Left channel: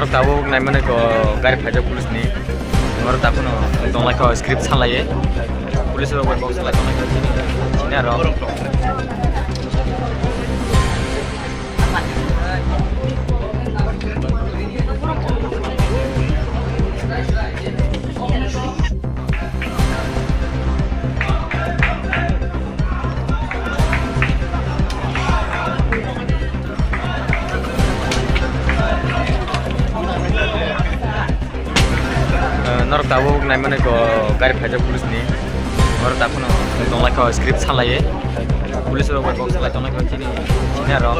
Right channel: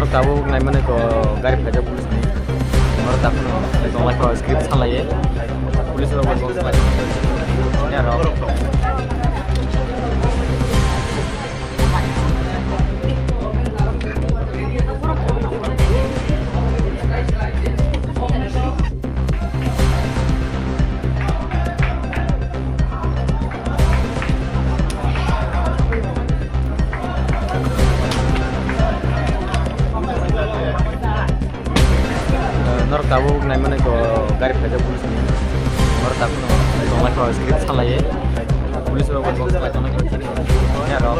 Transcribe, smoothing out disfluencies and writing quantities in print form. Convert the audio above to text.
Nagar tabuk nai mana ko gari pajak pulis ni Nagar takun tonglah ko script sanlai pulis orang box lagi ini ada Nagar tabuk nai mana ko gari pajak pulis ni Nagar takun tonglah ko script sanlai pulis orang box lagi ini ada